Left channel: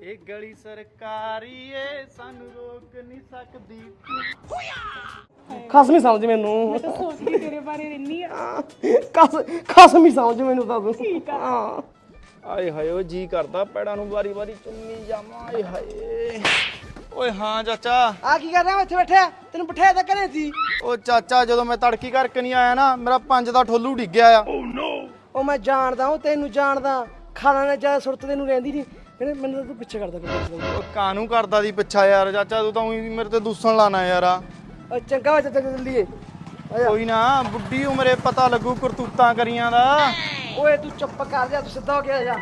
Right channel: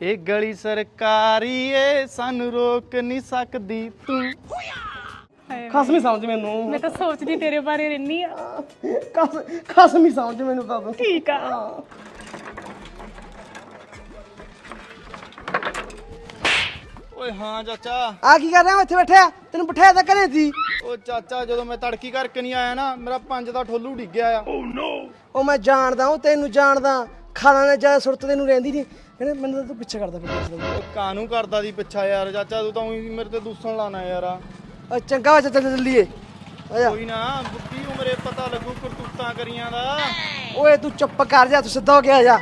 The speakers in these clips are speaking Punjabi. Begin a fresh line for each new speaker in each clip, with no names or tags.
ਇਹ ਗਲੀ ਸਰਕਾਰੀ ਏ ਸਾਨੂੰ ਰੋਕ ਨਹੀਂ ਸਕਦੀ ਤੂੰ।
ਖਸਮੀ ਸਮਝ ਮੈਨੂੰ।
ਮੈਂ ਤਾਂ ਸੋਚਦੀ ਤੇਰੇ ਬਾਰੇ ਰਹਿਨੀ ਆ।
ਖਸਮੀ ਸਮਝ ਮੈਨੂੰ ਤਾਂ ਤੂੰ।
ਠੀਕ ਆ।
ਆਏ ਹਾਏ ਉਹ ਜੀ ਕਰਦਾ ਪੈੜਾਂ ਨੂੰ ਵਾਰੀ ਵਾਰੀ ਕਿੰਨੀ ਜਾਵਾਂ। ਆਏ ਹਾਏ ਓਏ ਹਾਂ ਚਾਚਾ।
ਆ ਕੀ ਕਰ ਰਿਹਾ ਇੱਥੇ ਬੈਠਿਆ? ਤੈਨੂੰ ਬਿਠਾਇਆ ਤਾਂ ਘਰੇ ਸੀ।
ਉਹ ਚਾਚਾ ਜਦੋਂ ਮੈਂ ਤੜਕੀ ਕਰਕੇ ਨਹੀਂ ਆਇਆ ਨਾ ਮੇਰਾ 5 ਦਾ ਠੋਲੂ ਡਿੱਗ ਗਿਆ ਆ।
ਉਹ ਮੈਂ ਜਾਣਦਾ ਹਾਂ ਤੈਨੂੰ ਜਾਣਦਾ। ਖਾਣਾ ਨੇ ਜਾ ਸੁਰਤ ਤੈਨੂੰ ਰਹਿੰਦੀ ਨਹੀਂ। ਮੈਨੂੰ ਤਾਂ ਤੂੰ ਪਿੱਛੇ ਕਰਦਾ ਪਿਆ।
ਕਾਹਨੂੰ ਕਰਦਾ ਦੀ ਪਿੱਛਾ ਯਾਰ ਚਾਚਾ ਤੂੰ ਤਾਂ ਊਂ ਵੀ ਮੇਰੇ ਤੇ ਦੂਸਣ ਲਾਣਾ ਯਾਰ।
ਓ ਚੰਗਾ ਵਾ ਚਾਚਾ ਚੱਲੀਏ।
ਕੋਈ ਨਾ ਬੁੱਢੀ ਉਮਰੇ ਪਤਾ ਲੱਗੂ ਕਰਤੂਤਾਂ ਕਰੀਆਂ ਦਾ।
ਓਏ ਤੂੰ ਚੁੱਪ ਕਰ ਜਾ, ਤੂੰ ਸਿੱਧਾ ਹੋ ਗਿਆ ਜਾ।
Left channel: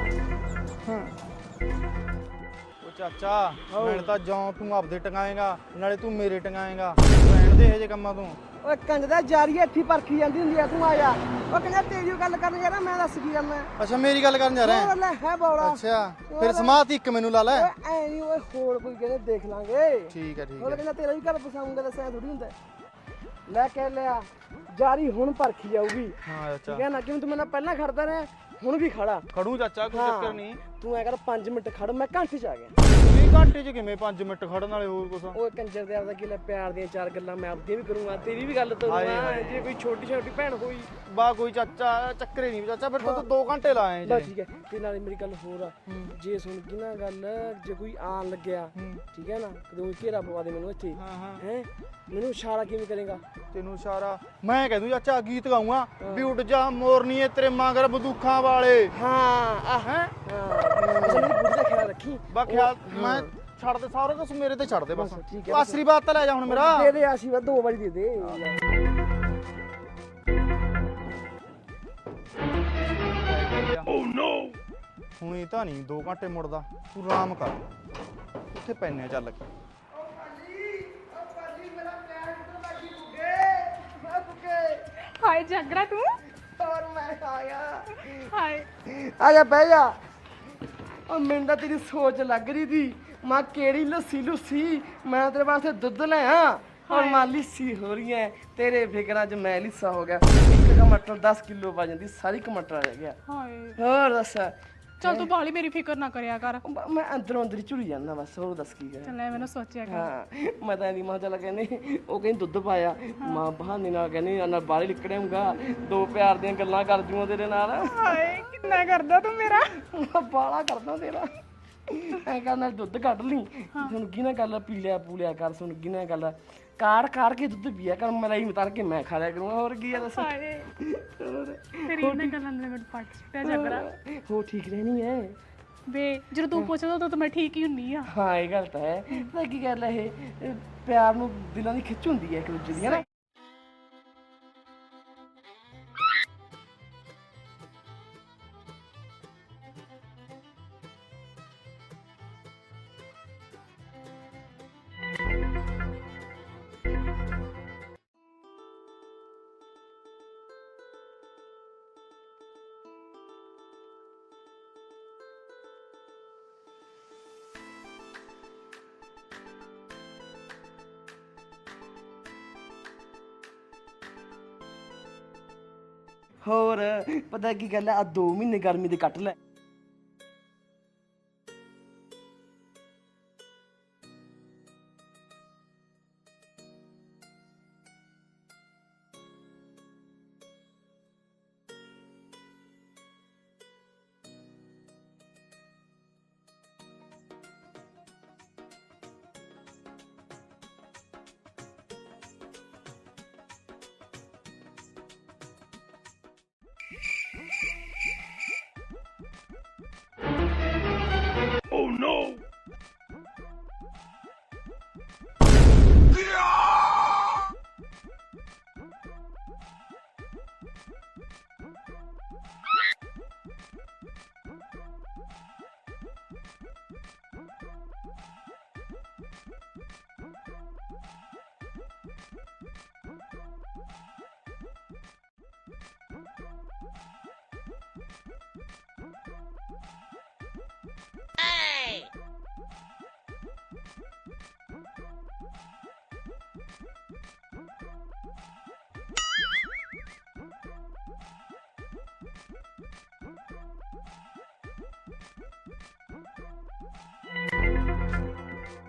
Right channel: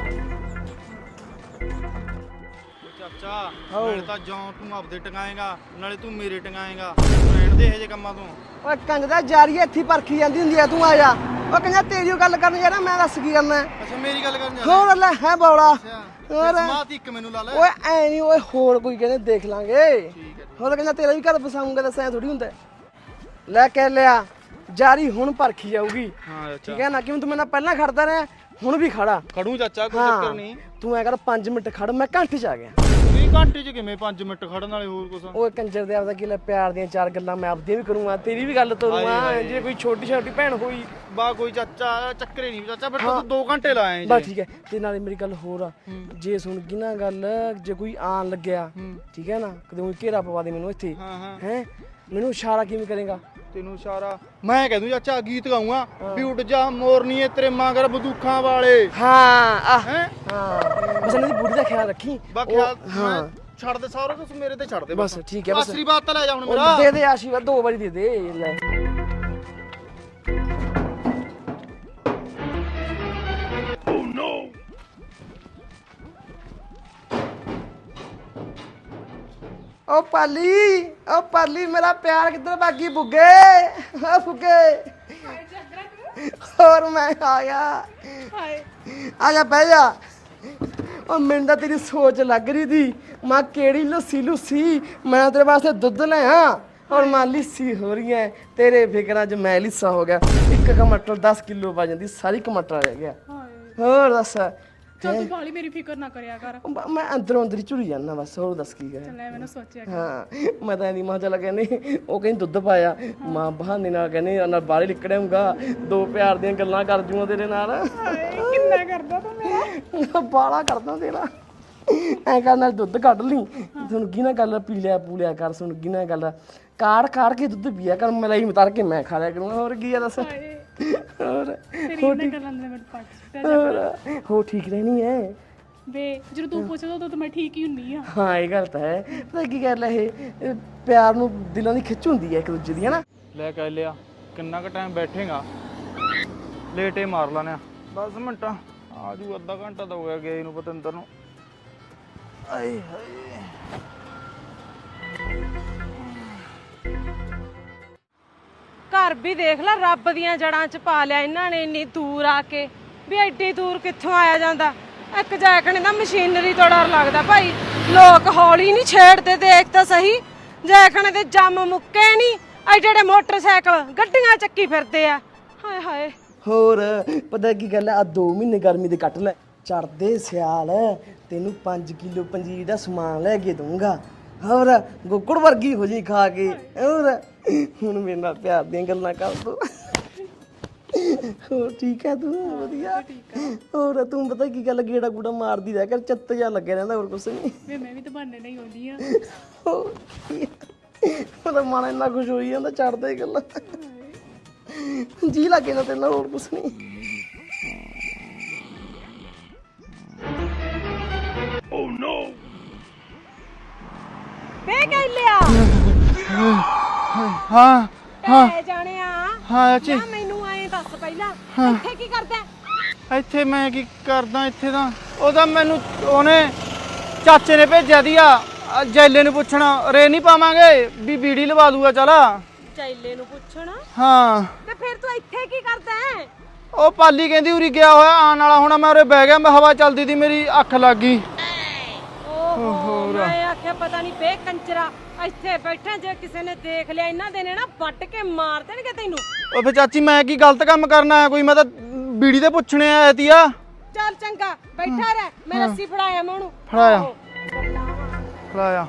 ਚਾਚਾ ਨਾਲੇ ਤਾਂ ਜਾਂ ਤੂੰ ਆਪਦੇ ਟੰਗਾਏਗਾ ਨਾਲੇ ਤੂੰ ਮੇਰੇ ਟੰਗਾਏਗਾ। ਬੈਠ ਦੇ ਇਹ ਜੇ ਕੰਮਾਂ ਤੋਂ।
ਓਏ ਕੰਜ ਦਾ ਜਾਰੀਏ ਇੱਥੇ ਪਰਖੀ ਜਾਂਦੀ ਹੁੰਦੀ ਆ। ਤੂੰ ਆ ਜਾ। ਓ ਕਹਿੰਦਾ ਤੇਰੀ ਓ ਗੱਲ ਕਰਨ ਜਾਣਾ, ਮੈਂ ਦੱਸ ਕੀ ਕਰਨਾ।
ਅੱਛਾ ਮੇਰੀ ਗੱਲ ਕਰਨ ਜਾ
ਹੋਰ ਲੈ ਹੈ ਬੌਲਾ।
ਅੱਛਾ ਫਿਰ ਸਮਾਤ ਇੱਕ ਮੈਨੂੰ ਲਾ ਲੈ।
ਓਏ ਐ ਨਹੀਂ, ਓਏ ਹੋਰ ਕੋਈ ਕਹਿੰਦੇ ਦੇਖ ਲਾਂਗੇ।
ਠੀਕ ਹੈ ਠੀਕ।
ਹੋਰ ਕਹਿੰਦਾ ਤੇਰਾ ਵੀ ਘਰ ਬਸਾਉਂਗਾ, ਦੱਸਿਆ ਥੋੜੀ ਹੁੰਦਾ। ਲੈ ਕੇ ਲਿਆ ਜਾਰੀ ਹੁਣ ਪਰਖੀ ਜਾਊਗੀ।
ਹਾਂ
ਠੀਕ ਹੈ ਨਾ? ਕਿਵੇਂ ਤੂੰ ਮੇਰੇ ਨਾਲ ਪਹਿਲਾਂ ਖੜਦਾ ਰਿਹਾ, ਹੁਣ ਵੀ ਖੜਾ।
ਖੜੂ ਚਾਚਾ ਕੋਈ ਚੱਕਰ ਨਹੀਂ।
ਤੂੰ ਐ ਕਰ 5 ਮਿੰਟ ਖੜ, ਮੈਂ ਘੰਟੇ ਚ ਆ ਗਿਆ।
ਘੰਟੇ ਚ ਕਿਵੇਂ 5 ਮਿੰਟ ਖੜਨ ਵਾਲੇ ਹੋਰ ਕੁਛ।
ਓਏ ਕੰਜਰ ਦੇ ਆਪਦਾ ਕੀ ਲੈ, ਪਿਆਰ ਦੀਆਂ 4 ਗੱਲਾਂ ਮੈਂ ਆਪਦੀਆਂ ਵੀ ਕਰੂੰਗਾ, ਤੇਰੀ ਵੀ ਗੱਲ ਤੋਰੂੰਗਾ। ਜੇ ਕੋਈ ਛੋਟੀ ਛੋਟੀ ਭੈਣ ਹੋਈ
ਬਾ ਕੋਈ ਚਾਚਾ ਚੱਕਰੇ ਨਹੀਂ ਚਾਚਾ ਫਿਰ ਤੂੰ 2 ਘੰਟੇ ਲਾਏ
ਬਸ ਠੀਕ ਹੈ। ਤੇ ਨਾਲੇ ਮੇਰੀ ਗੱਲ ਹੋਰ ਆ, ਜੇ ਸੁਣ ਗਈ ਨਾ ਗੱਲ, ਜੇ ਕੋਈ ਆਣ ਲੱਗਿਆ ਠੀਕ ਹੈ ਨਾ, ਕਦੇ ਕੋਈ ਘੇਰਾ ਪਵਾ ਦੇ ਮੈਨੂੰ ਇੱਥੇ ਹੈ, ਮੈਨੂੰ ਇਸ਼ਾਰਾ ਕਿਵੇਂ ਕਰੇਗਾ?
ਤੈਨੂੰ ਇਸ਼ਾਰਾ ਮੈਂ ਕਹਿ ਦੂੰ ਚਾਚਾ ਗੀਤ ਗਾਉਂਗਾ ਵੀ ਉੱਡ ਜਾ ਮੋਰਨੀ ਤੇਰੇ ਮਗਰ ਬੰਦੂਕਾਂ ਵਾਲੇ।
ਹਾਂ
ਹੈ
ਹਾਂ ਬਸ ਮੇਰੀ ਬੁੱਢੀ ਦਾ ਖਿਆਲ ਰੱਖੀ।
ਬਾਕੀ ਮੈਂ ਛੱਡ ਦੇ ਸਾਰਾ ਕੁਝ ਮੇਰੇ ਤੇ ਛੱਡ ਦੇ
ਬਸ ਠੀਕ ਹੈ। ਬਸ
ਆਸਰੀ ਬਾਤ ਤਾਂ ਲੈ ਜਾ ਹੁਣ ਮੇਰਾ।
ਦੇ ਦੇ ਆਸ਼ੀਰਵਾਦ 2 ਵਾਰੀ ਦੇ ਦੇ।
ਉਹੀ ਤਾਂ ਨਹੀਂ 2 ਘੰਟੇ ਮੁੜਦਾ, ਤੂੰ ਆਰਾਮ ਕਰ ਇੱਥੇ ਪੈਨੇ ਚੱਲ।
ਓ ਪਾਲੀ ਮੇਰਾ ਪਿਆਰ ਕਿੱਧਰ ਭਾਗੀ ਬੁੱਗੇ? ਓ ਬੁੱਗੇ
ਹਾਏ ਜਾਗੜਾ ਤੂੰ।
ਹੋਰ ਮੈਂ ਆ ਗਿਆ।
ਹਾਏ
ਆ ਜਾ ਬਹਿ ਜਾ। ਓ ਮੈਨੂੰ ਤਾਂ ਤੇਰੀ ਸੋਚ ਲੱਗ ਰਹੀ ਸੀ, ਮਾਂ ਕਿਹੜੀ ਲੱਸੀ ਮੈਂ ਤੇਰੇ ਵਾਸਤੇ ਦੁੱਧ ਲਿਆ। ਔਰ ਮਾਂ ਲੱਸੀ ਹੋ ਰਹੀ ਹੈ ਤੇਰੇ ਫਿਕਰਾਂ 'ਚ ਮੈਂ ਲਿੱਸਾ ਹੋ ਗਿਆ। ਇੱਕ ਟਮਾਟਰ 10 ਕਿਲੋ ਪਾ ਜਾਂਦੀ, ਸਾਰੀ ਟਮਾਟਰ ਰਹਿ ਗਿਆ।
ਹਾਏ
ਹੋਰ ਦੱਸ।
ਚੱਲ ਤੂੰ ਬਾਲੀ ਮੇਰੀ ਫਿਕਰ ਨਾ ਕਰਿਆ ਕਰ।
ਮੈਂ ਅੰਦਰੋਂ ਅੰਦਰ ਹੀ ਝੁਰੀ ਜਾਂਦਾ ਬਸ। ਹੋਰ ਦੱਸ ਕੀ ਕਰਾਂ।
ਚੱਲ ਐਵੇਂ ਨਾ ਸੋਚਿਆ ਕਰ।
ਹਾਂ ਮੈਂ ਤਾਂ ਇਹਦੀ ਮਾਂ ਚੱਲ ਕਹਿੰਦੇ, ਉਹ ਕਹਿੰਦੀ ਦੁੱਧ ਪਾਇਆ, ਮਾਂ ਬਹਾਨੇ ਨਾਲ ਕਹਿੰਦੀ ਨਾਲ ਬਾਹਰ ਨਿਕੜਾਂਗਾ, 2 ਪਿਆਰ ਦੀਆਂ ਗੱਲਾਂ ਕਰ ਜੂਆਂ ਤੇਰੇ ਨਾਲ।
ਹਾਏ ਕਿੰਨਾ ਕਰਦਾ ਤੂੰ ਮੇਰਾ।
ਬਾਲਾ ਕਰਦਾ ਤੇਰਾ। ਐ ਕਰ ਨਾਲ ਦੁੱਧ ਕੱਢ ਲਈ, ਸੁਣ ਗਈ ਨਾ ਗੱਲ, ਪੀ ਲਿਆ ਪੂਲਿਆ ਕਰ। ਸੁਣ ਗਈ ਨਾ ਗੱਲ, ਕਾੜ ਕੇ ਦੁੱਧ ਪੀਆ ਕਰ, ਮਲਾਈ ਉਤਾਰ ਕੇ ਮੈਂ ਖਾ ਲਿਆ ਕਰੂੰਗਾ। ਹੋਰ ਕੀ ਆ ਦੱਸ। ਹੋਰ
ਤੇਰੀ ਇਹਨਾਂ ਗੱਲਾਂ ਦੇ ਮੈਨੂੰ ਪੱਟ
ਹੋ ਠੀਕ ਰਹਿਣੀ ਹੈ
ਵੇ। ਜਦੋਂ ਤੂੰ ਪੁੱਛਦਾ ਉਦੋਂ ਤਾਂ ਮੈਂ ਠੀਕ ਹੀ ਹੁੰਦੀ ਆ।
ਹਾਂ ਇਹ ਗੱਲ ਤਾਂ ਹੈ। ਪਤਾ ਕੀ ਗੱਲ ਹੈ, ਇਹ ਪਿਆਰ ਨੂੰ ਦਿਲਾਂ ਦੀ ਖਿੱਚ ਹੁੰਦੀ ਹੈ ਇੱਕ ਦੂਜੇ ਦੀ, ਹੈ ਨਾ?
ਲੈ ਕੇ ਲਿਆ ਕਿੰਨਾ ਕੁ ਟਾਈਮ ਬੈਠੇਗਾ, ਲੇਟੇ ਮਾਰ ਲਾਣੇ 10 ਮਿੰਟ ਆ ਜੂ। ਅੱਧਾ ਘੰਟਾ ਤਾਂ ਹੋ ਗਿਆ ਗਏ ਨੂੰ ਪਤੰਦਰ ਨੂੰ। ਆਏ ਹਾਏ
ਘਰ ਵੀ ਦੇਖ ਲੈ ਰੱਬ ਦੀਆਂ ਜੜਾਂ 'ਚ ਪਾ ਲਿਆ ਇਹਨਾਂ ਨੇ। ਇੰਨੀ ਦੂਰ ਆ ਕੇ ਵੀ ਐਡੀ ਦੂਰ ਕਿੱਥੋਂ ਆਇਆ ਜਾਂਦਾ। ਇੱਕ ਜੈਕਣੇ ਦਾ ਮਸ਼ੀਨਰੀ ਤੋਂ ਡਰ ਲੱਗਦਾ ਭਾਈ। ਲੋਕ ਹੌਲੀ ਨਹੀਂ ਛੇੜਦੇ, ਦੇਖ ਤਾਂ ਸਹੀ। ਜੈਕਣੇ ਦੇ ਜੰਮ ਮੁੱਕੇ ਨਹੀਂ, ਐਡੇ ਮੋਟਰਸਾਈਕਲ ਗੱਡੀਆਂ ਚੱਕੀ ਫਿਰਦੇ ਆ। ਹਾਏ ਹਾਏ
ਹੋਰ ਪਤਾ ਕੀ ਗੱਲ ਆ, 2 ਮਹੀਨੇ ਗਰਮੀ ਦੇ ਕੱਟ ਲੈ, ਚੜਦੇ ਸਿਆਲ ਤੈਨੂੰ 5 ਕਿਲੋ ਪੰਜੀਰ ਦਾ ਸਮਾਨ ਲੈ ਕੇ ਦੂੰਗਾ। ਹੋਰ ਗੁੱਕੜ ਵਰਗੀ ਹੋ ਜੀ ਖਾ ਕੇ। ਹੋਰ ਹੁਣ ਮੇਰੇ ਨਾਲ ਪਿਆਰ ਦੀਆਂ ਗੱਲਾਂ ਕਰ ਤੂੰ। ਹੋਰ ਠੀਕ ਹੈ ਤੂੰ? ਵਧੀਆ। ਹੋਰ ਤੂੰ ਪਤਾ ਕੀ ਗੱਲ, ਗੇੜਾ ਗੂੜਾ ਮਾਰਦੀ ਰਹਿ ਕਰ, ਚੱਤ ਜਾ ਲੱਗਿਆ ਰਹਿੰਦਾ, ਹੋਰ ਕੁਛ ਨਹੀਂ।
ਵੇ ਮੈਂ ਵੀ ਤਾਂ ਬਹਾਨੇ ਨਹੀਂ ਆਉਂਦੀ ਆ।
ਉਹਦਾ ਮਨ ਇੰਨਾ ਖੁਸ਼ ਹੋਈ ਜਾਂਦਾ, ਚੜਦੇ ਗੱਲਾਂ ਜੀ ਲੱਗੇ ਨਾ ਤੇਰੇ ਨਾਲ, ਹੋਰ ਕੁਛ ਨਹੀਂ।
ਵੇ ਕਹਿ ਲਿਆ
ਹਾਂ
ਏ ਜਾਣਿਆ।
ਹਾਂ ਚਾਚੀ
ਮੈਨੂੰ ਐਂ ਦੱਸ ਪਹਿਲਾਂ, ਇੱਥੇ ਕੀ ਕਰਦਾ?
ਇੱਥੇ ਮੈਂ ਕੀ ਕਰਦਾ? ਇੱਥੇ ਤਾਂ ਉਹਦਾ ਮੈਨੂੰ ਉਹਨੇ ਚਾਚੇ ਨੇ ਭੇਜਿਆ ਦੀਆ ਜੈਲੇ ਨੂੰ ਪੁੱਛਣਾ, ਰੇ ਨਹੀਂ ਪਾਵਾਂਗੇ ਵੀ ਬੀੜੀ ਲਵਾ ਦੂਗਾ। ਚੱਲ
ਚੈਲੇ ਨੂੰ ਪੁੱਛਣਾ।
ਹਾਂ
ਤੇ ਫਿਰ ਤੂੰ ਇੱਥੇ ਕੀ ਕਰਦਾ ਹੈ?
ਉਹ ਪਾਲੀ ਕਹਿੰਦੀ ਉਰੀ ਗਿਆ ਹੋਇਆ ਆਉਣ ਵਾਲਾ ਹੋਣਾ, ਮੈਂ ਉਰੇ ਬਹਿ ਗਿਆ, ਮੈਂ ਹਵਾ ਚੱਲਦੀ ਦੀ ਮੇਰੀ ਅੱਖ ਲੱਗ ਗਈ।
ਓਹੋ ਮੈਂ ਆਖਿਆ ਪਤਾ ਨਹੀਂ ਬੇ ਕੰਚਰਾ ਇੱਥੇ ਬੈਠਾ, ਜੇ ਕਿਸੇ ਨੇ ਦੇਖ ਲਿਆ ਇਹਨਾਂ ਦੇ ਨੇ ਨਾ ਵੱਟ ਕੇ ਮਾਰ ਦੇਣਗੇ ਤੈਨੂੰ।
ਉਹ ਫੇ ਚਾਚੀ ਮੈਂ ਕੀ ਗਲਤ ਕੰਮ ਕਰਨਾ ਕੋਈ? ਮੈਂ ਤਾਂ ਬੀੜੀ ਦੇ ਪੁੱਛਣੇ ਆਇਆ ਤੀ ਆ।
ਚੱਲ ਚੰਗਾ ਬੈਠਾ ਰਹਿ, ਮੈਂ ਰੱਸੀ ਫੜਾਇਆ ਮੈਂ ਉਹਨੂੰ।
ਫੜਾਇਆ ਲਾਇਆ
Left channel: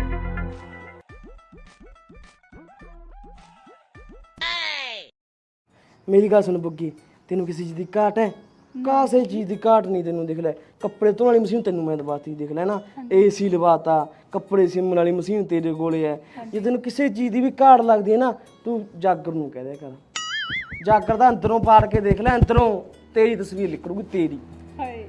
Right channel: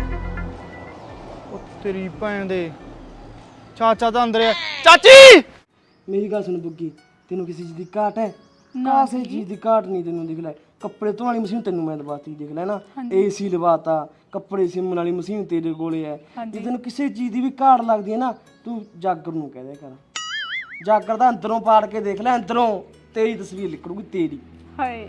ਉਹ ਤੇਰੀ ਭੈਣ ਦੇ ਚਾਚਾ ਤਾਂ ਅੰਦਰ ਆ ਚਾਚੀ
ਮੇਰੀ ਗੱਲ ਸੁਣ ਬੁੱਗੀ, ਤੈਨੂੰ ਕਿਸੇ ਚੀਜ਼ ਦੀ ਘਾਟ ਹੈ? ਕਾਸੇ ਚੀਜ਼ ਦੀ ਘਾਟ ਨਹੀਂ ਤੈਨੂੰ। ਦੇਖ ਲੈ ਕੱਪੜੇ ਧੋਣ ਵਾਲੀ ਮਸ਼ੀਨ ਤੈਨੂੰ ਮੈਂ ਦਵਾਤੀ, ਦੇਖ ਲੈ ਨਾ ਏਸੀ ਲਵਾਤਾ, ਕੱਪੜੇ ਸਿਮਣ ਵਾਲੀ ਮਸ਼ੀਨ ਤੇਰੇ ਕੋਲੇ ਹੈ। ਜੇ ਤੈਨੂੰ ਕਿਸੇ ਚੀਜ਼ ਦੀ ਵੀ ਘਾਟ ਲੱਗਦੀ ਹੈ ਨਾ, ਤੂੰ ਜਾਗਰ ਨੂੰ ਕਹਿ ਦਿਆ ਕਰ। ਜਾਗਰ ਦਾ ਅੰਦਰੋਂ ਪਾੜ ਕੇ ਦੇਖ ਲੈ, ਅੰਦਰੋਂ ਤੇਰੀ ਤਸਵੀਰ ਨਿਕਲੂਗੀ ਤੇਰੀ।
ਹਾਏ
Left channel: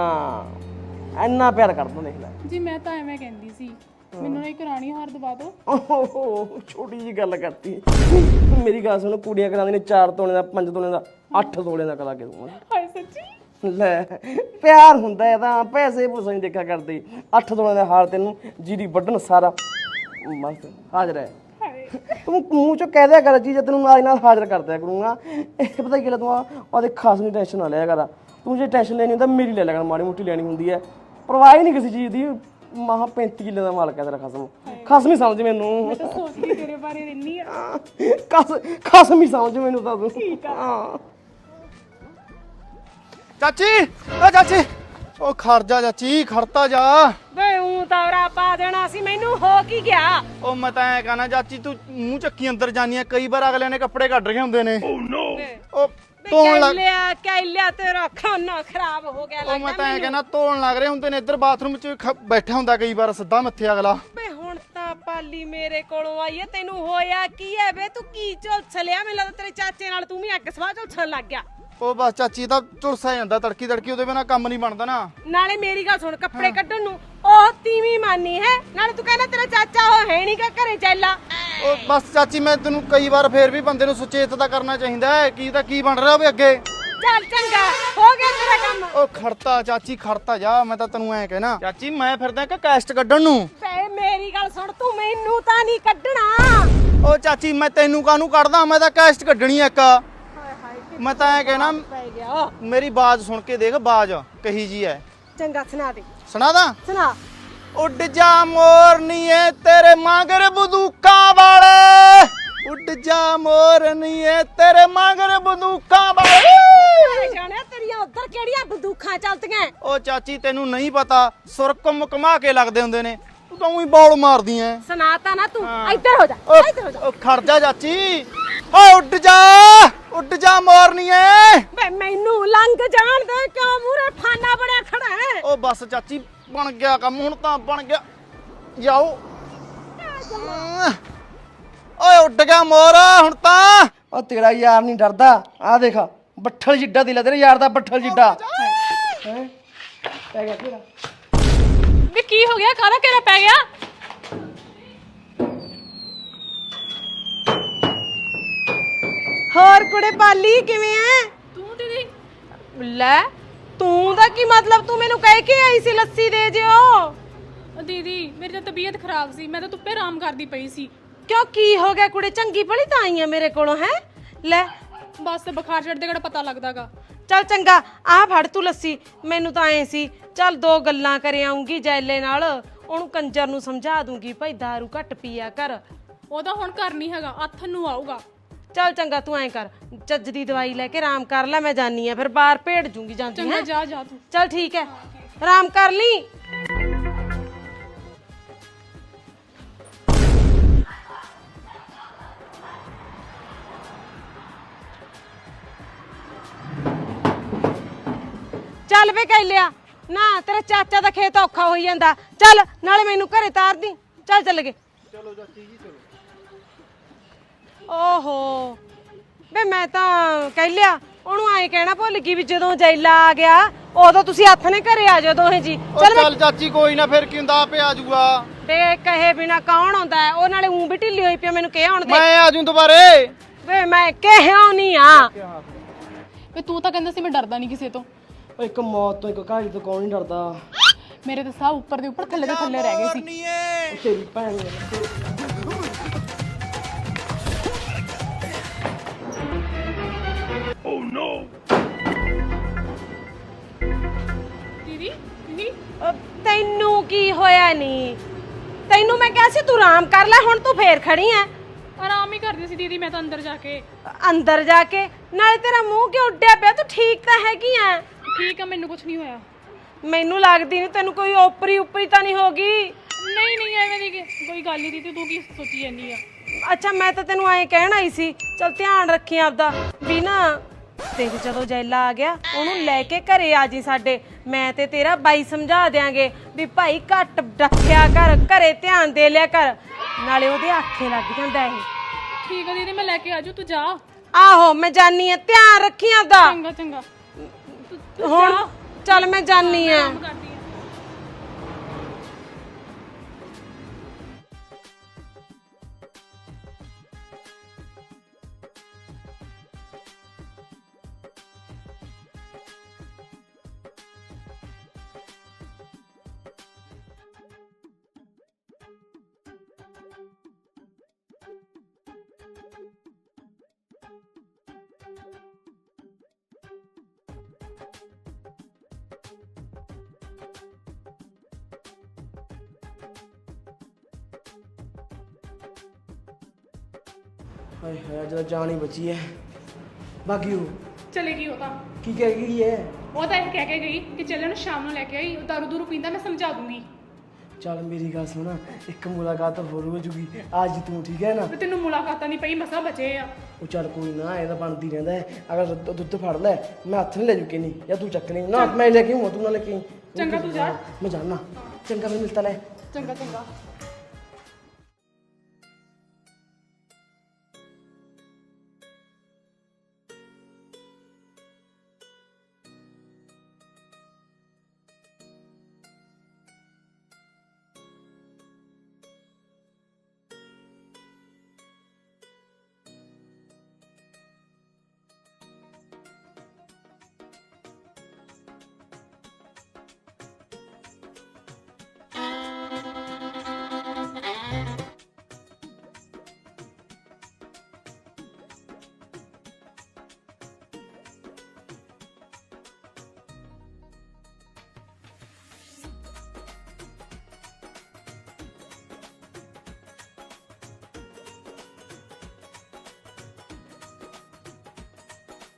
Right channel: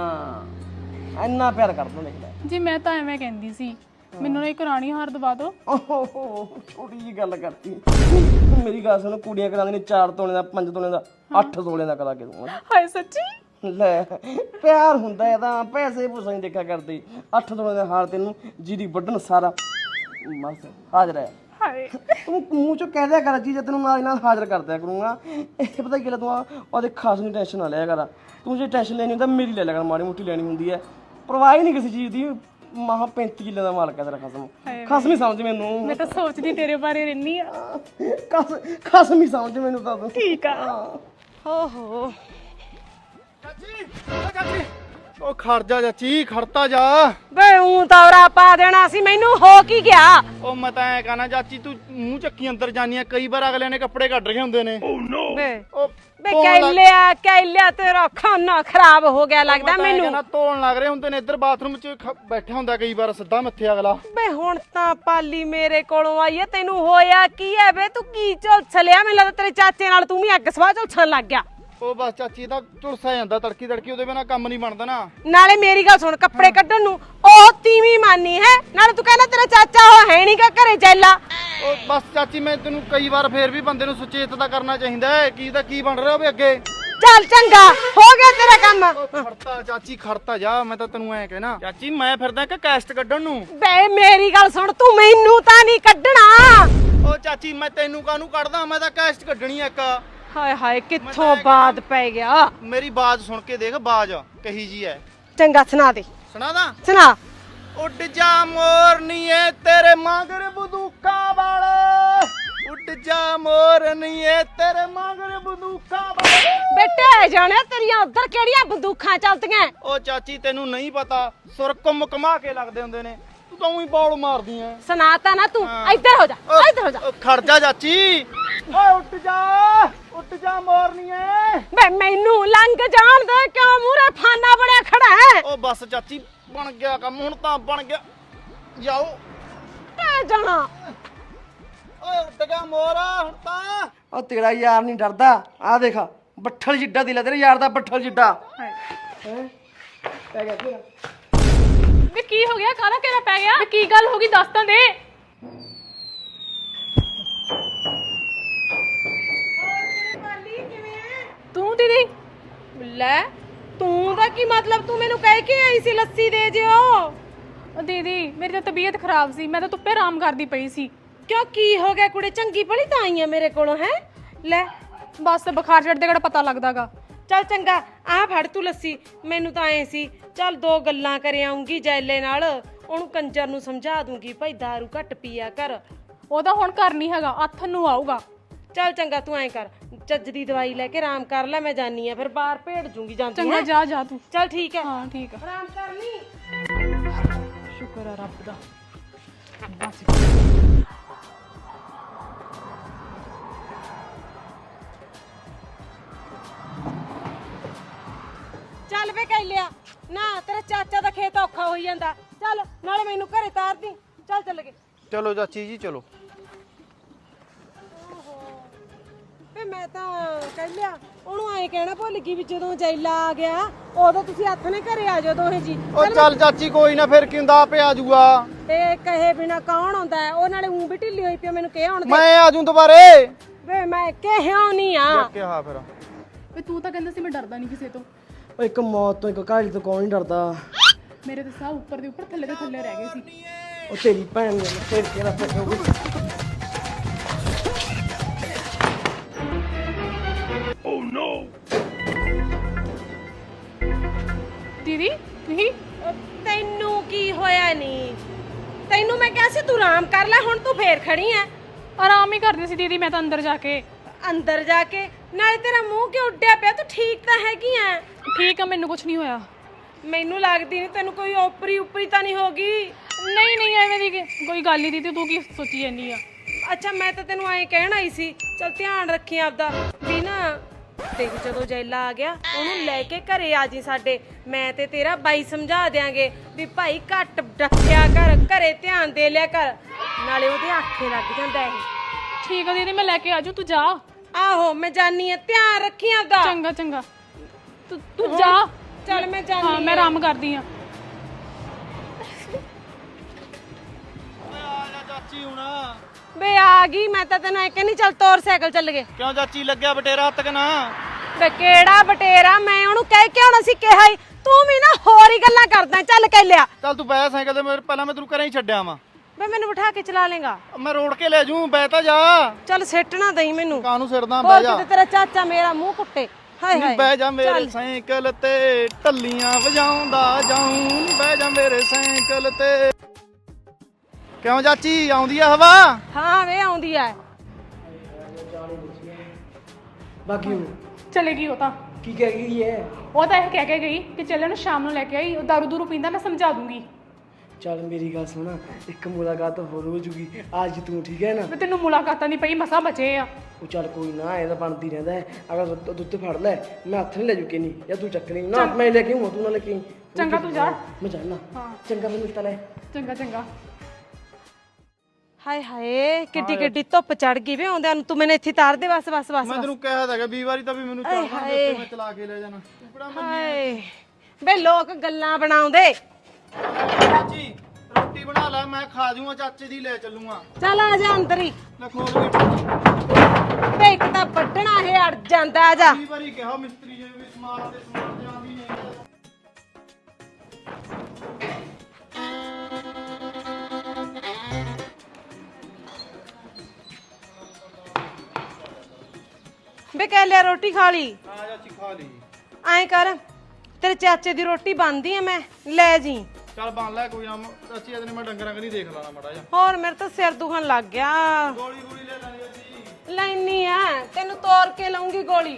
ਹਾਂ ਇੰਨਾ ਪਿਆਰ ਕਰਦਾ ਦੇਖ ਲੈ।
ਜੀ ਮੈਂ ਤਾਂ ਐਵੇਂ ਕਹਿੰਦੀ ਸੀ, ਮੈਨੂੰ ਨਾ ਇੱਕ ਰਾਣੀ ਹਾਰ ਦਵਾ ਦਿਓ।
ਓਹੋ ਛੋਟੀ ਜੀ ਗੱਲ ਕਰਤੀ। ਮੇਰੀ ਗੱਲ ਸੁਣ, ਕੁੜੀਆਂ ਕਰਾਉਂਦੀਆਂ ਨੇ 4 ਤੋਲੇ ਦਾ, 5 ਤੋਲੇ ਦਾ, 8 ਤੋਲੇ ਦਾ ਕਰਾ ਕੇ ਦੂੰਗਾ।
ਹਾਏ ਸੱਚੀ?
ਲੈ ਪਿਆਰ ਹੁੰਦਾ ਹੈ ਤਾਂ ਪੈਸੇ ਪੂਸੇ ਨਹੀਂ ਦੇਖਿਆ ਕਰਦੇ। 8 ਤੋਲੇ ਦਾ ਹਾਰ ਤੈਨੂੰ ਜੀਰੀ ਵੱਢਣ ਸਾਰਾ ਮਸਤ ਹਾਜ਼ਰ ਹੈ।
ਹਾਏ
ਤੂੰ ਮੂੰਹ ਚੋਂ ਕਹਿ ਦਿਆ ਕਰ ਜੀ, ਜੇ ਤੈਨੂੰ ਨਾਲ ਹਾਜ਼ਰ ਕਰ ਦਿਆ ਕਰੂੰਗਾ। ਇਹ ਪਤਾ ਕੀ ਗੱਲ, ਤੂੰ ਉਹਦੇ ਖਾਸ ਨਹੀਂ ਟੈਨਸ਼ਨ ਨਾ ਲਿਆ ਕਰ। ਤੂੰ ਜੇ ਟੈਨਸ਼ਨ ਲੈਣੀ ਹੁੰਦਾ ਮੇਰੀ ਲੈ ਲਿਆ ਕਰ, ਮਾੜੀ ਮੋਟੀ ਲੈਣੀ ਹੁੰਦੀ ਹੈ। ਪਰਵਾਹ ਹੀ ਨਹੀਂ ਕਿਸੇ ਚੀਜ਼ ਦੀ। ਮਹਾ 35 ਕਿੱਲੇ ਦਾ ਮਾਲਕ ਹੈ ਤੇਰਾ ਖਸਮ। ਖਸਮ ਹੀ ਸਮਝ ਮੈਨੂੰ।
ਮੈਂ ਤਾਂ ਸੋਚਦੀ ਤੇਰੇ ਬਾਰੇ ਰਹਿਨੀ ਆ।
ਖਸਮ ਹੀ ਸਮਝ ਮੈਨੂੰ ਤਾਂ ਤੂੰ।
ਠੀਕ ਆ।
ਓਹੋ
ਚਾਚੀ ਓ ਚਾਚੀ ਉਹ ਖੜ ਜਾ ਚਾਚੀ, ਖੜਤਾ ਜਾ।
ਬੇ ਊਂ ਤੌਰਾ ਪਾ ਦੇਣਾ ਸੀ ਮੈਨੂੰ, ਹੋ ਕੀ ਗਿਆ?
ਉਹ ਮੈਂ ਤਾਂ ਐ ਕਹਣਾ ਚਾਚੀ, ਤੂੰ ਮੂੰਹ ਚੱਕੀ ਅੰਦਰ ਜਾਨੀ ਆ। ਕਈ ਵਾਰ ਅਗਲੇ ਨੇ ਕੱਪੜੇ ਕੱਢ ਰਹੇ ਹੁੰਦੇ ਨੇ।
ਬੇ
ਉਹ
ਬੇ
ਧੋਣ ਲੱਗ
ਕਹਿ ਲਿਆ ਤੇਰਾ ਖਾਨਾ ਖਰਾਬ ਹੋ ਗਿਆ ਲੱਗਦਾ ਮੈਨੂੰ।
ਕਹਿੰਦਾ ਧੋਣ ਲੱਗ ਰਹੇ ਹੁੰਦੇ ਨੇ। ਇੱਧਰ ਬਾਥਰੂਮ 'ਚ ਬੈਠਾ ਹੁੰਦਾ ਕਈ ਵਾਰ ਸਿੱਧਾ ਮੱਥੇ ਅਗਲਾ।
ਬੇ ਹੁਣ ਤਾਂ ਪਾਲੀ ਮੇਰੇ ਕੋਲੋਂ ਆਈ ਐ, ਤੈਨੂੰ ਹੋਇਆ ਕੀ ਐ ਬੇ? ਤੂੰ ਕੀ ਝੁਲਸਲਿਆ? ਮੈਨੂੰ ਲੱਗਦਾ ਤੇਰੇ ਚਾਚੇ ਨਾਲ ਤੂੰ ਵੀ ਅੱਗ ਸਵਾਹ ਝੁਲਸਣ ਲੱਗ ਗਿਆ।
ਉਹ ਬਸ ਚਾਚੀ ਦਾ ਝੁਲਸਿਆ ਜਾਂਦਾ ਤੜਕੀ ਉਹਦੇ ਬਿਨਾ ਕੰਮ ਨਹੀਂ ਬਣਦਾ ਨਾ।
ਨਾਲੇ ਮੇਰੀ ਗੱਲ ਸੁਣ, ਕੱਪੜੇ ਕੱਢਣ ਨੂੰ ਉਹ ਤੀਵੀਂ ਮਾਨੀ ਹੈ, ਨਾਲੇ ਤੂੰ ਕਹਿੰਦਾ ਤੇਰਾ ਚਾਚਾ ਉਹ ਹੈ ਨੀ ਗਾ ਘਰੇ ਜੈਲਾ।
ਉਹ ਬਸ ਚਾਚੀ ਮੈਂ ਤੈਨੂੰ ਕਈ ਵਾਰ ਫੇਰ ਵੀ ਬੰਦੇ ਨੂੰ ਸੁਚੇਤ ਤਾਂ ਕਰਨਾ ਚਾਹੀਦਾ ਹੈ। ਕੀ ਤਾਂ ਕੀ ਬਣ ਰਿਹਾ ਹੋਵੇ ਅੱਗੇ।
ਚੱਲ ਚੰਗਾ ਹੋ ਗਿਆ ਤੇਰਾ ਕੰਮ।
ਉਹ ਖੜਤਾ ਚਾਚੀ, ਖੜਤਾ ਜਾ। ਮੈਂ ਤਾਂ ਤੈਨੂੰ ਐ ਕਹਿਣਾ ਚਾਚੀ, ਮੈਂ ਫਿਰਦਾ ਕਿ ਕੈਸਟ ਕੱਢਣ ਨੂੰ।
ਬੇ ਮੇਰੀ ਗੱਲ ਸੁਣ, ਤੂੰ ਮੈਨੂੰ ਤਾਂ ਨਹੀਂ ਕੱਢਣਾ।
ਉਹ ਚਾਚੀ ਮੈਂ ਤੈਨੂੰ ਕਾਹਨੂੰ ਕੱਢਦਾ, ਮੈਂ ਤਾਂ ਕੈਸਟ ਕੱਢਣੀ ਐ ਇੱਕ।
ਹਾਏ ਹਾਏ
ਮੈਂ
ਕਿੱਥੋਂ
ਤਾਂ ਇਹ ਕਹਿਣਾ-
ਬਾਤ ਪੈ ਗਿਆ।
ਮੇਰੀ ਬਾਜ਼ ਸੁਣ ਕੇ ਦੇਖ, ਬਾਜ਼ ਕਹੀ ਜੀ ਐ।
ਚੰਗਾ ਸੁਣਾ ਦੇ,
ਸੁਣਾ ਦਾ।
ਸੁਣਾ।
ਉੱਡ ਜਾ ਮੋਰਨੀਏ ਤੇਰੇ ਮਗਰ ਬੰਦੂਕਾਂ ਵਾਲੇ, ਉੱਡ ਜਾ ਮੋਰਨੀਏ ਤੇਰੇ ਮਗਰ ਬੰਦੂਕਾਂ ਵਾਲੇ।
ਬੇਟੇ ਜਾਣਿਆ ਤੇਰੀਆਂ ਉਧਰ ਕਿਹੜੀਆਂ ਬੰਦੂਕਾਂ ਚੱਲਦੀਆਂ?
ਉਹ ਚਾਚੀ ਤੈਨੂੰ ਨਹੀਂ ਪਤਾ, ਸੁਰਕ ਮੁਕਮਾ ਕੇ ਲੱਗਦੇ ਹੁੰਦੇ ਨੇ। ਤੂੰ ਹੀ ਬੌਲ ਮਾਰਦੀ ਐ।
ਸੁਣਾਤਾ ਨਾ ਤੂੰ। ਇੱਧਰ ਹੋ ਜਾ, ਇੱਧਰ ਹੋ ਜਾ।
ਉਹ ਖੜ ਜਾ ਚਾਚੀ। ਓ ਉੱਡ ਜਾ ਮੋਰਨੀਏ।
ਬੇ ਮੈਨੂੰ ਲੰਘ ਜਾਣ ਦੇ, ਕਿਉਂ ਮੂਰੇ ਫਾਨਾ ਬਣਿਆ ਖੜਾ ਹੈ?
ਉਹ ਬਸ ਚਾਚੀ ਬਣ ਗਿਆ ਕੰਮ, ਹੁਣ ਤਾਂ ਬਣ ਗਿਆ। ਜਾਓ
ਐ ਜਾਣਾ।
ਓਏ ਉੱਡ ਗਿਆ ਮੋਰ ਹੁਣ ਤਾਂ।
ਉਹ ਤੇਰਾ ਯਾਰ ਨਹੀਂ ਡਰਦਾ। ਆ ਦੇਖ ਬੱਠਲ ਜਿੱਡਾ ਦਿਲ ਹੈ ਤੇਰੇ ਯਾਰ ਦਾ, ਬੱਠਲ ਜਿੱਡਾ। ਹੈ ਪੈ ਗਿਆ ਤੇਰਾ।
ਵੀ ਕੀ ਹੋ ਗਿਆ? ਕਾਹਦਾ ਘੇਰਾ ਪੈ ਗਿਆ? ਕੀ ਗੱਲ ਹੋ ਗਈ ਦੱਸ ਤਾਂ ਦੇ।
ਹੋਰ ਕੁੜੇ ਪਾਲੀ ਕਿਵੇਂ ਐ?
ਤੂੰ ਦੀਦੀ ਲੈ।
ਤੂੰ ਦਾ ਕੀ ਮਤਲਬ? ਤੂੰ ਮੈਨੂੰ ਕਹਿ ਕੇ ਆਈ ਸੀ ਲੱਸੀ ਦੇ ਜਿਓ।
ਦੀਦੀ ਮੇਰੀ ਤਾਂ ਤਬੀਅਤ ਖਰਾਬ ਸੀ, ਮੈਂ ਤਾਂ ਧੁੱਪੇ ਆਰਾਮ ਕਰਦੀ ਪਈ ਸੀ।
ਕਿਉਂ ਕੀ ਹੋ ਗਿਆ ਕੁੜੇ? ਚੰਗੀ ਭਲੀ ਤਾਂ ਆਈ ਆ ਮੇਰੇ ਕੋਲੋਂ। ਹੈ ਲੈ
ਬਸ ਬੁਖਾਰ ਚੜਦੇ ਕਿਹੜਾ ਪਤਾ ਲੱਗਦਾਗਾ।
ਚੱਲ ਚੰਗਾ ਆਹ ਫੜ ਤੂੰ ਲੱਸੀ। ਮੈਨੂੰ ਤਾਂ ਐ ਸੀ ਚੱਲ 2 ਗੱਲਾਂ ਕਰ ਆਉਂਗੀ ਜੈਲੇ ਨਾਲ, ਉਹਨੂੰ ਕੰਜਰ ਨੂੰ ਸਮਝਾ ਦੂੰਗੀ ਭਾਈ ਦਾਰੂ ਘੱਟ ਪੀਆ ਕਰ।
ਉਹ ਤਾਂ ਹੁਣ ਘਰ ਨਹੀਂ ਹੈਗਾ, ਅੱਥ ਨੂੰ ਆਊਗਾ।
ਚੱਲ ਚੰਗਾ ਤੂੰ ਐ ਕਰ, ਚੱਜ ਦੀ ਦਵਾਈ ਲੈ ਕੇ ਆਰਾਮ ਕਰ ਲੈ। ਮੈਂ ਜਾਨੀ ਆ ਫਿਰ ਬਾਹਰ ਭੇੜ ਜੂੰਗੀ ਜਾਂਦੀ
ਚੰਗਾ
ਹੈਂ।
ਜਾ ਜਾ ਤੂੰ।
ਚੱਲ ਠੀਕ ਹੈ,
ਹਾਂ ਠੀਕ ਆ।
ਆਰਾਮ ਕਰ ਲਈ।
ਸ਼ੁਕਰ ਆ ਰੱਬ ਦਾ।
ਚੱਲ ਵੇ ਕਹਿ ਲਿਆ ਨਾ, ਤੇਰੇ ਚਾਚਾ ਦਾ ਖੇਤ ਔਖਾ ਹੋਈ ਜਾਂਦਾ। ਚੱਲ ਨਾਲੇ ਮੈਨੂੰ ਘਰੇ ਤਾਰ ਦੀ। ਚੱਲ ਗਏ।
ਚਲੋ ਚਾਚੀ ਜੀ ਚਲੋ।
ਓਹੋ ਵੇ ਮੈਂ ਤਾਂ ਕਹਿ ਲਿਆ, ਉਹਨੂੰ ਐਂ ਕਹਿਣਾ ਭੁੱਲ ਗਈ ਵੀ ਜਦੋਂ ਜੈਲਾ ਆ ਗਿਆ ਉਦੋਂ ਤੁਸੀਂ ਹੱਥ ਨੇ ਘਰੇ ਆ ਜਾਓ ਦੋਹੇ ਜੀ।
ਚੱਲ ਚਾਚੀ ਕੋਈ ਨਾ, ਫਿਰ ਕੀ ਹੁੰਦਾ, ਆਪੇ ਆ ਜਾਊਗਾ।
ਤੇ ਕਹੇ ਬਿਨਾ ਕੌਣ ਆਉਂਦਾ ਹੈ? ਉਹ ਨਾਲੇ ਊਂ ਵੀ ਢਿੱਲੀ ਹੋਈ ਪਿਆ, ਮੈਨੂੰ ਕਿਹਾ ਹੁਣ ਦੇ।
ਮੈਂ ਆ ਜਾਊਂ ਦੁਬਾਰੇ।
ਵੇ ਮੈਂ ਕਿਹਾ ਨਹੀਂ ਆ।
ਕਿਹਾ ਫਿਰ
ਵੀ ਤੂੰ ਤਾਂ ਕਹਿੰਦਾ ਸੀ ਮੈਂ ਡਰਦਾ ਨਹੀਂ ਕਿਸੇ ਤੋਂ।
ਉਹ ਇੱਕ ਮੌਤ ਤੋਂ, ਇੱਕ ਕਹਾਣੀ ਤੋਂ ਕੌਣ ਨਹੀਂ ਡਰਦਾ।
ਮੇਰੇ ਤਾਂ ਸਾਹ ਉੱਪਰ ਦੇ ਉੱਪਰ ਥੱਲੇ ਦੇ ਥੱਲੇ ਰਹਿ ਗਏ ਸੀ।
ਉਹ ਤੇਰੀ ਭੈਣ ਦਾ ਤੇਰਾ
ਦੀਦੀ ਦੀਦੀ
ਤੈਨੂੰ ਕੀ ਹੋਇਆ? ਨਹੀਂ ਤੈਨੂੰ ਮੈਂ ਕਿਹਾ ਸੀ ਤੂੰ ਆਰਾਮ ਕਰ ਲੈ, ਹੁਣ ਤੂੰ ਫੇਰ ਖੜੀ ਐ।
ਆਰਾਮ ਹੀ ਕਰਦੀ ਸੀ ਦੀਦੀ ਮੈਂ ਤਾਂ ਅੰਦਰ ਜਾ ਕੇ।
ਅੰਦਰ ਜਾ ਕੇ ਨਾਲੇ ਤੇਰਾ ਮੂੰਹ ਕਿਉਂ ਉੱਡਿਆ ਪਿਆ? ਤੂੰ ਠੀਕ ਤਾਂ ਹੈਗੀ ਆ?
ਠੀਕ ਆ, ਮੈਨੂੰ ਕੁਝ ਨਹੀਂ ਹੋਇਆ।
ਮੈਨੂੰ ਲੱਗਦੀ ਨਹੀਂ ਤੈਨੂੰ ਕੋਈ ਓਪਰੀ ਤਾਂ ਨਹੀਂ ਹੋਗੀ।
ਨਹੀਂ ਕੋਈ ਗੱਲ ਨਹੀਂ ਦੀਦੀ, ਤੂੰ ਕੀ ਸੋਚੀ ਜਾਂਦੀ ਆ?
ਅੱਛਾ ਮੈਂ ਤਾਂ ਤੈਨੂੰ ਐਂ ਕਹਿਣ ਆਈ ਸੀ, ਚਲ ਧਿਆਨ ਰੱਖੀ ਆਪਦਾ ਵੀ ਨਾ। ਦੇਖ ਜਦੋਂ ਜੈਲਾ ਆ ਗਿਆ ਉਹਨੂੰ ਲੈ ਕੇ ਘਰੇ ਆ ਜੀ ਸਾਡੇ, ਮੈਂ ਤੇ ਤੇਰਾ ਬਾਈ ਸਮਝਾ ਦਿਆਂਗੇ ਵੀ ਭਾਈ ਘੱਟ ਡੱਕਿਆ ਕਰ, ਘਰੇ ਧਿਆਨ ਦੇ ਲਿਆ ਕਰ, ਨਾਲੇ ਉਹਦੇ ਆਖੇ ਲੱਗ ਜਾਂਦਾ ਹੈ।
ਠੀਕ ਆ ਦੀਦੀ, ਮੈਂ ਲੈ ਕੇ ਆਜੂ, ਤੂੰ ਜਾ।
ਆਹੋ ਮੈਂ ਜਾਨੀ ਆ, ਧਿਆਨ ਰੱਖੀ ਆਪਦਾ।
ਚੰਗਾ ਚੰਗਾ, ਤੂੰ
ਹੁਣ
ਜਾ।
ਚੱਲ ਮੈਂ ਜਾਨੀ
ਮੈਂ
ਆ।
ਆਰਾਮ ਕਰਦੀ ਆ।
ਚਾਚੀ ਹੁਣ
ਬੇ ਆ ਗਈ, ਮੈਂ ਤਾਂ ਤੈਨੂੰ ਐ ਕਹਿੰਦੀ ਚੱਲ ਤੋਰ ਸਾਈਕਲ ਚੱਲ ਗਏ।
ਕਿਉਂ ਚਾਚੀ ਲੱਗਿਆ ਬਟੇਰਾ ਹੱਥ ਕਨਾ?
ਬੇ ਕਿਹੜਾ ਬਟੇਰਾ, ਮੈਂ ਉਹਨੂੰ ਕਹਿ ਕੇ ਆਉਣਾ ਸੀ, ਕਿਹਾ ਹੀ ਤੂੰ ਵੀ ਨਾ ਹੋਰ ਹੀ ਗੱਲਾਂ ਕਰਦਾ। ਚੱਲ ਕਹਿ ਲਿਆ।
ਚੱਲ ਤੂੰ ਬੈ ਸਾਈਕਲ ਤੇ, ਪਹਿਲਾਂ ਮੈਂ ਤੈਨੂੰ ਘਰੇ ਹੀ ਛੱਡਿਆ ਵਾਂ।
ਬੇ ਮੈਨੂੰ ਬਿਠਾ ਕੇ ਚਲਾ ਲੇਗਾ?
ਮੈਂ ਰੋੜ ਕੇ ਲੈ ਜੂ, ਬੈ ਤਾਂ ਜਾ।
ਚੱਲ ਸਿੱਟ ਨਾ ਦਈ ਮੈਨੂੰ,
ਕਾਹਨੂੰ ਸਿਰਦਾ,
ਹੋਰ
ਬਹਿ ਜਾ।
ਕਿਤੇ ਤੇਰਾ ਚਾਚਾ ਮੇਰਾ ਮੂੰਹ ਕੁੱਟੇ। ਹਾਏ ਹਾਏ
ਬਹਿ ਜਾ ਮੇਰੇ ਸਾਈਕਲ ਤੇ, ਢੱਲੀਆਂ ਵਜਾਉਂਦਾ ਜਾਊਂ। ਬਹਿ ਜਾ ਮੇਰੇ ਸਾਈਕਲ ਤੇ। ਕਿਉਂ ਚਾਚੀ ਆਉਂਦੀ ਆ ਹਵਾ?
ਹਾਂ ਵੇ ਆਉਂਦੀ ਐ।
ਹਾਏ ਹਾਏ ਜਦੋਂ ਜਾਨ ਹੀ ਬਚੀ ਹੈ। ਬਾਕੀ ਉਹ
ਚਲੇ ਗਈ ਉਹ ਤਾਂ।
ਕੀ ਕਹਿ ਗਈ ਹੈ?
ਉਹ ਤਾਂ ਇਹ ਕਹਿ ਕੇ ਗਈ ਕਿ ਚੱਲ ਉਹਨੂੰ ਸ਼ਾਮ ਨੂੰ ਲੈ ਕੇ ਆਈ, ਉਹ ਦਾਰੂ ਦੂਰੂ ਪੀਂਦਾ, ਮੈਂ ਸਮਝਾ ਦੂੰਗੀ।
ਚੱਲ ਮੇਰੀ ਗੱਲ ਸੁਣ, ਇੱਕ ਮੁਲਾਕਾਤ ਹੋਰ ਹੋ ਜੂਗੀ ਅੱਜ ਤੂੰ, ਠੀਕ ਹੈ ਨਾ?
ਵੀ ਤੈਨੂੰ ਮੁਲਾਕਾਤਾਂ ਨਹੀਂ ਪਈ, ਮਸਾ ਬਚੇ ਆ।
ਉਹ ਚੱਲ ਕੋਈ ਨਾ, ਇਹਦਾ ਬਣਦੀ ਰਹਿੰਦਾ ਹੈ। ਅਗਰ ਦੁੱਧ ਫੜ ਲੈ, ਮੈਂ ਹੱਥ ਨਹੀਂ ਲੈ ਜੂ ਕਿ ਨਹੀਂ, ਜਾਂ ਤੂੰ ਚੱਕ ਨਹੀਂ ਨਾ, ਮੈਂ ਲੈ ਕੇ ਮੋਤੂ ਨਾਲ ਲੈ ਕੇ ਆਈ।
ਚੰਗਾ ਤੂੰ ਜਾ।
ਮੈਂ ਜਾਣਾ। ਚੰਗਾ ਫਿਰ ਮਿਲਤਾ ਲੈ।
ਚੰਗਾ ਚੰਗਾ।
ਹਾਏ ਹਾਏ ਕਿੱਡੀ ਕਿੱਡੀ ਧੁੱਪ ਚੜ ਗਈ ਵੇ ਆਉਂਦਿਆਂ ਨੂੰ। ਤੂੰ ਮੈਨੂੰ ਇੱਥੇ ਤਾਰ ਦੇ ਬਸ ਬਸ ਬਸ।
ਮੈਂ ਤੈਨੂੰ ਕਿਹਾ ਤਾਂ ਹੈਗਾ 20 ਵਾਰੀ ਤਾਂ ਵੀ ਮੈਨੂੰ ਚੜਨਾ ਦੇ ਉੱਤੇ, ਮੈਂ ਚਲਾ ਕੇ ਲੈ ਜਾਣਾ।
ਹਾਏ ਬੇ ਲੋਕ ਗੱਲਾਂ ਬਣਾਉਂਦੇ।
ਚਾਚੀ ਰੋਟੀ ਬਣਾ ਲੈ, ਮੈਂ ਖਾ ਜੂਆਂ, ਚਾਚੇ ਦੀ ਲੈ ਚੱਲੂਆਂ।
ਚੱਲ ਆ ਜਾ ਅੰਦਰ ਹੀ।
ਲੈ ਖੋਲ ਵੀ।
ਬੇ ਇੱਕ ਤਾਂ ਵੱਢਣਾ ਇਹ ਅੜ ਜਾਂਦਾ। ਆ ਜਾ।
20 ਵਾਰੀ ਕਿਹਾ ਮਿਸਤਰੀ ਜੀ ਵੀ ਸਮਾਨ ਤੇ ਸਮਾਨ ਜਾਂਦੀ ਨਹੀਂ।
ਬੇ ਕਹਿ ਲਿਆ ਰੋਟੀ ਖਾ ਲਈ?
ਹਾਂ ਚਾਚੀ ਖਾ ਲਈ।
ਐਂ ਕਰ, ਤੇਰੇ ਚਾਚੇ ਦੀ ਰੋਟੀ ਬਣਦੀ ਐ, ਮੈਂ ਲੈ ਜੀ।
ਚੱਲ ਬਣ ਲੈ ਕੋਈ ਨਾ ਚਾਚੀ, ਇਹਦੇ ਮੈਂ ਡੰਗਰਾਂ ਕਰੀ ਦੇਖ ਲਾਣਾ ਮਾੜਾ ਜਿਹਾ।
ਹੋਰ ਮੇਰੇ ਤਾਂ ਸਿਰ ਦੁਖਣ ਲੱਗ ਗਿਆ।
ਗੋਲੀ ਗੋਲੀ ਲੈ ਲੈਣੀ ਚਾਚੀ।
ਲੈਣੀ ਐ, ਤੈਨੂੰ ਤੋੜ ਕੇ ਲਾਉਂਗੀ ਗੋਲੀ।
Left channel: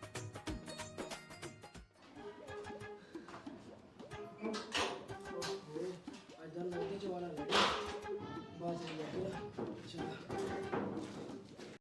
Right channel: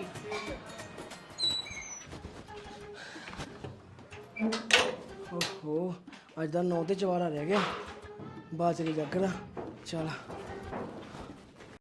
ਓਹੋ ਅੱਜ ਦਾ 9 ਤੇ 4 ਰਹਿ ਗਿਆ, ਬਾਅਦ ਚ ਨਹੀਂ ਜੱਗਦਾ। ਚੱਲ